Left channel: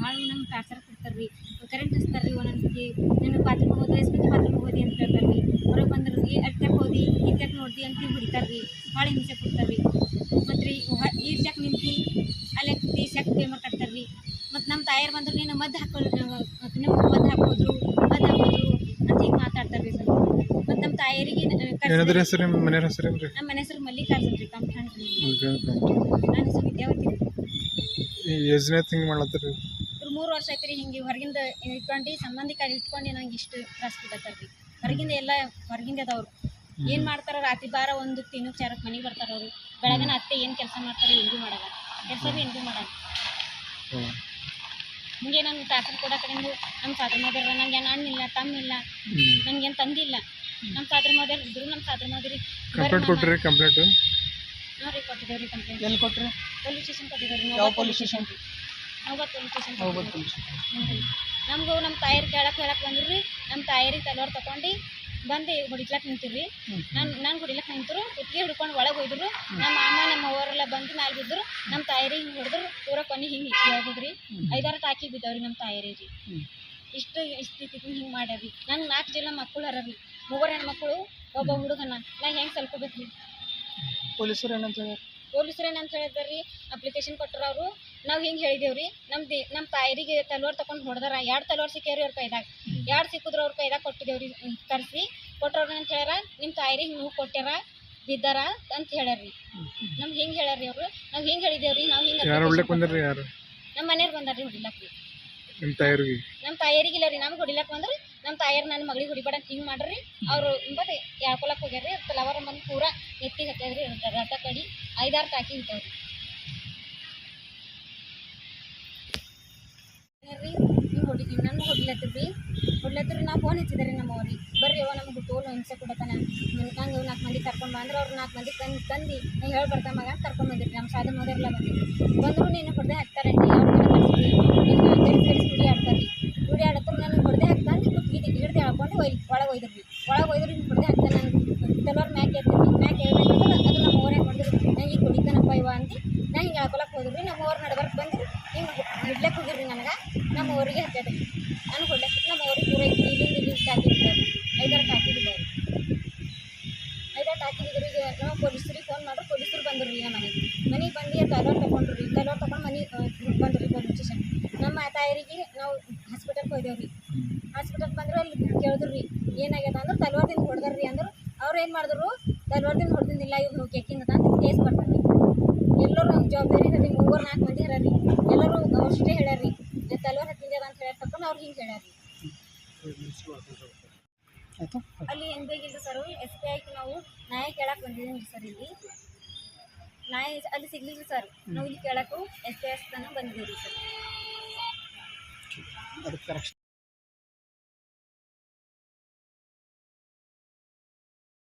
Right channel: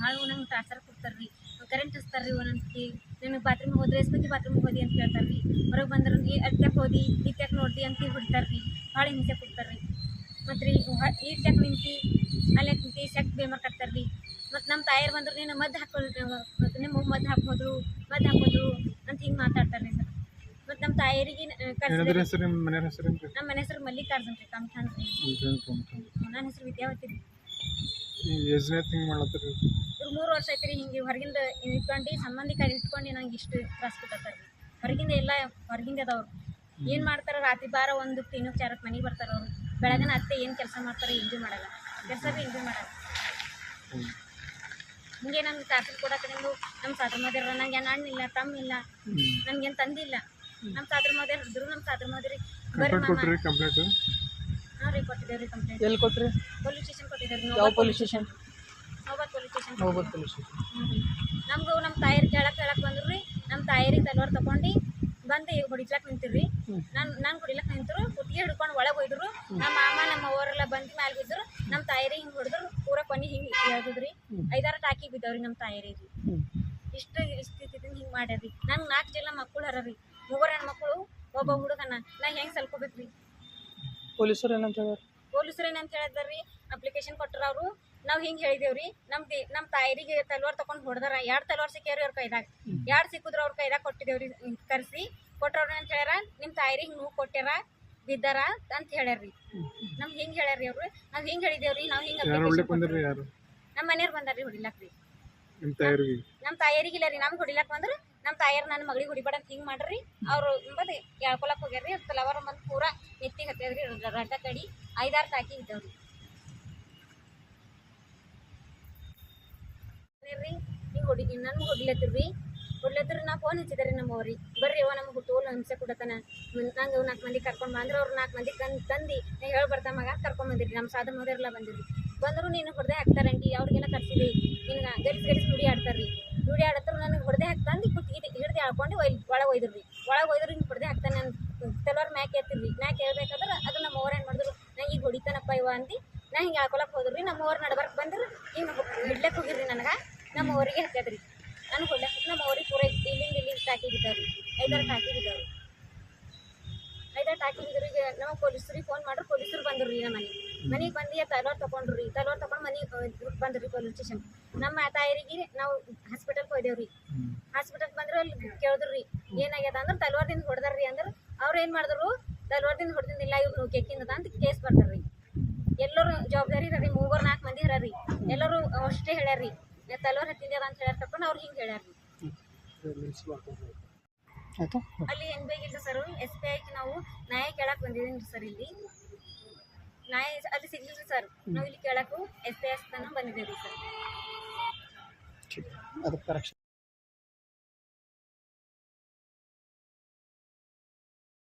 ಭಾಳ ನಂಗೆ ಟಾರ್ಚರ್ ಕೊಡ್ತಾರೆ ಕರೆಂಟ್ ಹಚ್ತಾರೆ ರೀ ಒಂದೊಂದ್ಸತಿ ನನಗೆ ಬಾತ್ರೂಮ್ ಹೋದ್ರೆ ಎಸ್ಪೆಕ್ಟ್ ಬಾತ್ರೂಮ್ ಹೋದಿ ಅಂತ ಹೇಳ್ತಾರೆ ಹೊರಗೆ ಬಂದ್ರೆ ಅದ್ಯಾಕೆ ಹೋದಿ ಇದ್ಯಾಕೆ ನೋಡ್ದಿ ಅಂತ ಹೊಡಿತಾರೆ ಭಾಳ ಹಿಂಸೆ ಕೊಡ್ತಾರೆ ಮತ್ತು ಈ ಟ್ಯಾಕ್ ನಿಂತು ಅಲ್ಲೇ ನಿಂತು ಸೆಕ್ ಪೇಮರ್ ಕಟ್ತಾರೆ ಮತ್ತು ನಮ್ಮ ತಾಯರು ಬಂದ್ರೆ ನೀನು ಮದ್ದು ಹಾಕೋದು ಮತ್ತು ನಿಮ್ಮ ಮದ್ದು ಹಾಕೋದ್ರು ಅಂತ ಹಿಂಗೆ ಮಾತಾಡ್ತಾರೆ ಸರ್ ಮತ್ತು ನಮ್ಮ ತಾಯರಿಗೆ ನಮ್ಮ ಮನೆ ಹೆಸರು ಮಲ್ಲಿಕಾರ್ಜುನ್ ರೀ ಕಂಠಾಣ್ ರೀ ನನ್ನ ಹೆಸರು ವಿದ್ಯಾವತಿ ಇವ್ರು 3 ವರ್ಷ ಐತ್ರಿ ಹಿಂಗೆ ಹೊರಗಿಂದ ಇಟ್ಕೊಂಡು ಸಂಬಂಧಿಕರು ಇಟ್ಕೊಂಡು ನಂಗೆ ಇಷ್ಟು ತ್ರಾಸ ಕೊಡ್ತಾರೆ ರೀ ಹೊರಗಿಂದ ಎಲ್ಲ ಹೊರಗಿಂದ ಅದಾವ್ರು ಏನು ಮಾಡ್ತಾರೆ ರಾತ್ರಿ ಬಾರ ಒಂದು ತಿನ್ನೋಕೆ ಚಾರಕ್ಕೆ ಮನೆಗೆ ಬರ್ತಾರೆ ಅವರು ಬೆಳಗಿನ ಅತ್ತೆ ಏನು ಕೆಲಸ ಮಾಡ್ತಾರೆ ಏನು ಭೀ ಮಾಡಲ್ಲ ಕೆಲಸ ಭೀ ಏನು ಭೀ ಮಾಡಲ್ಲ ಹಿಂಗೆ ನನ್ನ ಟಾರ್ಚರ್ ಕೊಡೋ ಕಡೆಯಿಂದ ನಮ್ಮ ಸಾದ್ರ ಮಾದೇರ ನಂಗೆ ಏನು ಅಣ್ಣಿಲ್ಲ ತಮ್ಮಿಲ್ಲ ನನಗೇನು ತಂದಿಲ್ಲ ನಮ್ಮ ಸಾದ್ರ ಮಾದೇರು ಇದ್ರು ನಮ್ಮ ಸಾದ್ರ ಮಾದೇರಿ ಹಾಂ ರೀ ಕೊಟ್ಟಿದ್ದೇವೆ ರೀ ಕಂಪ್ಲೇಂಟ್ ಎಲ್ಲಿ ಕೊಟ್ಟರು ಪೊಲೀಸ್ ಸ್ಟೇಷನ್ ಕೊಟ್ಟಿದ್ದಾರೆ ಯಾವ ಪೊಲೀಸ್ ಸ್ಟೇಷನ್ ನೋಬತ್ ಪೊಲೀಸ್ ಸ್ಟೇಷನ್ ಪೊಲೀಸ್ ಸ್ಟೇಷನ್ ನಮಗೂ ನಮ್ಮ ತಾಯಿರು ಕೇಳಕ್ಕೆ ಬಂದ್ರು ರೀ ನಮ್ಮ ತಾಯಿರಿಗೆ ತಲವಾರು ತಗೊಂಡು ಬಂದು ಹೊಡಿಸ್ಲಾಕ್ ನಿಂತಿರಿ ನಾನು ಹೊಡಿಲಕ್ಕೆ ನಿಂತರು ಕುತ್ತಿಗೆ ಹಿಡ್ಕೊಂಡು ಒಳಗೆ ಹೋಯ್ದ್ರು ನಮ್ಮ ಮಾಮ ನಮ್ಮ ಅವರೆಲ್ಲ ಬಂದು ಮ್ಯಾಲೆ ಬಿದ್ದರು ನಮ್ಮ ತಾಯಿರಿಗೆ ಹಿಂಗೆ ಹೊಡೆದ್ರು ಪೂರ ಕೊನೆ ಹಿಂಗೆ ಹೇಳ್ಬೋದ್ರಿ 5-6 ಟಾಕಿ ಬಿದ್ದವ್ರಿ ನಮ್ಮ ತಾಯಿರಿಗೆ ಇಷ್ಟು ಹಿಂಗೆ ಮಾಡ್ಯಾರಿ ನಂಗೆ 4 ಜನ ಮಕ್ಕಳು ಹರ ರೀ 3 ಹೆಣ್ಮಕ್ಳು ಒಬ್ಬ ಹುಡುಗನ ನಾ ಹೆಂಗೆ ಸಲ್ಕೋಬೇಕು ರೀ ಪೊಲೀಸರು ಏನಂತ ಹೇಳ್ಯಾರ ಪೊಲೀಸರು ಏನಂತ ಹೇಳಿದಾರೆ ರೀ ಅಪ್ಲಿಕೇಶನ್ ಕೊಟ್ಟರು ಅವರು ನಾವು ಹಿಂಗೆ ಹೇಳಿದೇವು ರೀ ನಮ್ಮ ತಾಯಿರಿಗೆ ತಲವಾರು ತೊಗೊಂಡು ಹೊಡೆದಾರ 2 ತಲವಾರು ಸಿಕ್ಕ್ಯಾವ್ರಿ ಅವ್ರ ಕೈದಾಗ 2 ಸಿಕ್ಕಿದ್ರು ಅವ್ರ ಕೈದಾಗ ಕೊಟ್ಟಿದ್ದೇವ್ರಿ ಕರೆಸಿ ಕೊಟ್ಟವ್ರು ಅಂತ ಹೇಳ್ಯಾರ ನಿಮ್ಮ ತಾಯಿರಿಗೆ ನೀವು ಕೊಟ್ಟ್ಯಾರ ಬಿದ್ದಾರ ಅಂತ ಹೇಳ್ಯಾರ್ರಿ ನಮ್ಗೆ ಹಿಂಗೆ ಹೇಳ್ಯಾರ್ರಿ ಅವರು ನಾವು ಹಿಂಗೆ ಹೇಳಿದೇವ್ರಿ ನಾವು ಹಿಂಗೆ ನಮ್ಮ ಮನೆಯವ್ರು ಬಂದಾರ್ರಿ ಹೊಡಿಲಕ್ಕೆ ರೀ ನಮ್ಮ ತಾಯಿಯರಿಗೆ ಇಲ್ಲ ರೀ ನಮ್ಗೆ ಹೊಡಿಲಕ್ಕೆ ಬಂದ್ರೆ ನಮ್ಮ ತಾಯಿಯರು ನನ್ನ ಮಗಳಿಗೆ ಹೊಡಿಬೇಡ ಅಂತ ಹಿಂಗೆ ಮಾಡ್ರಿ ಅವ್ರು ಎಂಬುದು ಹೇಳ್ಕೊಳಕ್ಕೆ ಹೋಗ್ಯಾರ್ರಿ ತಲವಾರು ಬಂದು ಪೂರ ಎತ್ತಿಗೆ ಹತ್ತದ್ರಿ ರಡ್ಡ ಕಡಿ 5-6 ಟಾಕಿ ಬಿದ್ದಾವ್ರಿ ರೀ ಹಿಂಗೆ ಹೊಡಿತೀವಿ ನನಗೆ ಹೊಡ್ಲತ್ತಿರ್ರಿ ನಾವು ಫೋನ್ ಹಚ್ಚಿದಾರೆ ನಮ್ಮ ಅವ್ರಿಗೆ ಬರ್ರಿ ಅವ ನಮ್ಗೆ ಹುಟ್ಟೋಲು ಹಿಂಸೆ ಕೊಡತಾನೆ ನಂಗೆ 4 ಮಂದಿ ಕರ್ಕೊಂಡು ಬಂದ್ರೆ ಅವ್ರು 4 ಮಂದಿ ತಂದು ನಾ ಹೇಳಿ ಬರ್ತಾ ಮಗ ಕರ್ಕೊಂಡು ಬಂದಿರಿ ನಮ್ಮ ಸಾಧ ಮೋದರೆಲ್ಲ ಬಂದಿರಿ ಬಂದರು ನೀನು ಹೊಡೆದೇ ಹಾಕ್ತಾರಂಟಿ ಅವ್ರಿಗೆಲ್ಲ ಕರ್ಸಿದ್ವಿ ನಿನ್ನ ಗಡಿಸಿ ನುಡಿ ಆಡ್ತಾರೆ ನುಡಿ ಆಡತ್ತರ ನನಗೆ ಹೊಡೆದೇ ಹಾಕ್ತಾನೆ ಕುತ್ತಿಗೆ ಹಿಡ್ದು ಹಾಕೊಂಡು ಒಳಗೆ ಒಯ್ದ್ರು ಹಿಂಗೆ ಹೊಡೆದೇ ಹಾಕ್ತಾನೆ ನಾನು ತಲವಾರು ಮ್ಯಾಕೆ ಹೇಳ್ಬೇಕಂದ್ರೆ ಅದು ನಮ್ಮ ಅವ್ರು ಹೆಂಗೆ ಮಾಡಿದ್ರು ನಂಗೆ ಈಗ ಹೊಡಿತಾನಪ್ಪ ಇವ ಅಂದು ನಾ ಹಿಂಗೆ ಹಾಕೊಳಕ್ಕೆ ಹೋದ್ರಿ ನಮ್ಮ ಅವ್ರು ನಡ್ಬರ್ಕ್ ಬಂದ್ರೆ ಹಿಂಗೆ ಹಿಡ್ಲಕ್ಕೆ ಹೋಗಿರ್ರಿ ನನಗೆ ನಮ್ಮ ಅವ್ರಿಗೆ ಹತ್ತದ್ರಿ ನಾನು ಹೊಡ್ಲಕ್ಕೆ ನಮ್ಮ ಅವ್ರಿಗೆ ಪೂರ ಇಲ್ಲಿಂದ ಟಾಕಿ ಬಿದ್ದಾವ್ರಿ 5-6 ಟಾಕಿ ಬಿದ್ದಾವ್ರಿ 5-6 ಟಾಕಿ ಬಿದ್ದರು ಈಗ ನಾವು ಪೊಲೀಸರಿಗೆ ಫೋನ್ ಮಾಡ್ರಿ ಪೊಲೀಸರು ಬಂದ್ರು ರೀ ನಮ್ಮ ಮನೆಗೆ ಬಂದು ತಲವಾರು ತೊಗೊಂಡು ಮನೆ ಬಂದ್ರಿ ಪೊಲೀಸ್ ಸ್ಟೇಷನ್ ನಮ್ಮ ತಾಯಿರಿಗೆ ನಾವು ಹಾಸ್ಪಿಟಲ್ಗೆ ಹೋಯ್ದೇವ್ರಿ ಹಾಸ್ಪಿಟಲ್ಗೆ ಬಂದ್ರೆ ಅಲ್ಲಿ ಕೇಳಿದ್ರು ರೀ ಏನಾಗ್ಯದ ಅಂದ್ರೆ ತಲವಾರದಿಂದ ಹೊಡೆದಾರ್ರಿ ಅಂದ್ರೆ ಅವ್ರು ಏನು ಮಾಡಿದ್ರು ತಲವಾರದಿಂದ ಹೊಡೆದಿಂದಿಲ್ಲ ಇವ್ರು ಕೆಕ್ಕಿಂದ ಅಂತ ಕೇಸ್ ಬರ್ತಾರೆ ರೀ ಎಲ್ಲರೂ ಜವಾಬ್ದಾರಿ ಇರ ರೀ 3-4 ಮಂದಿ ಹರ ರೀ ಎಲ್ಲರೂ ಅಷ್ಟೇ ಹೇಳ್ಯಾರ್ರಿ ತಲವಾರು ಹತ್ತಿಂದ ಅಂತ ಹೇಳ್ಯಾರ ತಕೊಂಡು ಅವ್ರು ಹಿಂಗೆ ಹೇಳ್ಯಾರ್ರಿ ಅಲ್ಲಿ ಹೆಂಗೆ ಬೇಕಿಲ್ಲ ಸರ್ SBI ನಾವು ನ್ಯಾಯ ಕೇಳಕ್ಕೆ ಬಂದಿದ್ದೀನಿ ಸರ್ ಇಲ್ಲಿ ನ್ಯಾಯ ಅಲ್ಲಿ ಸಿಗ್ಲಿಲ್ಲ ಸರ್ ನಾವು ಇಲ್ಲಿ ಕೇಳಕ್ಕೂ SBI ತನಕ ಬಂದಿದ್ದೀವಿ ಸರ್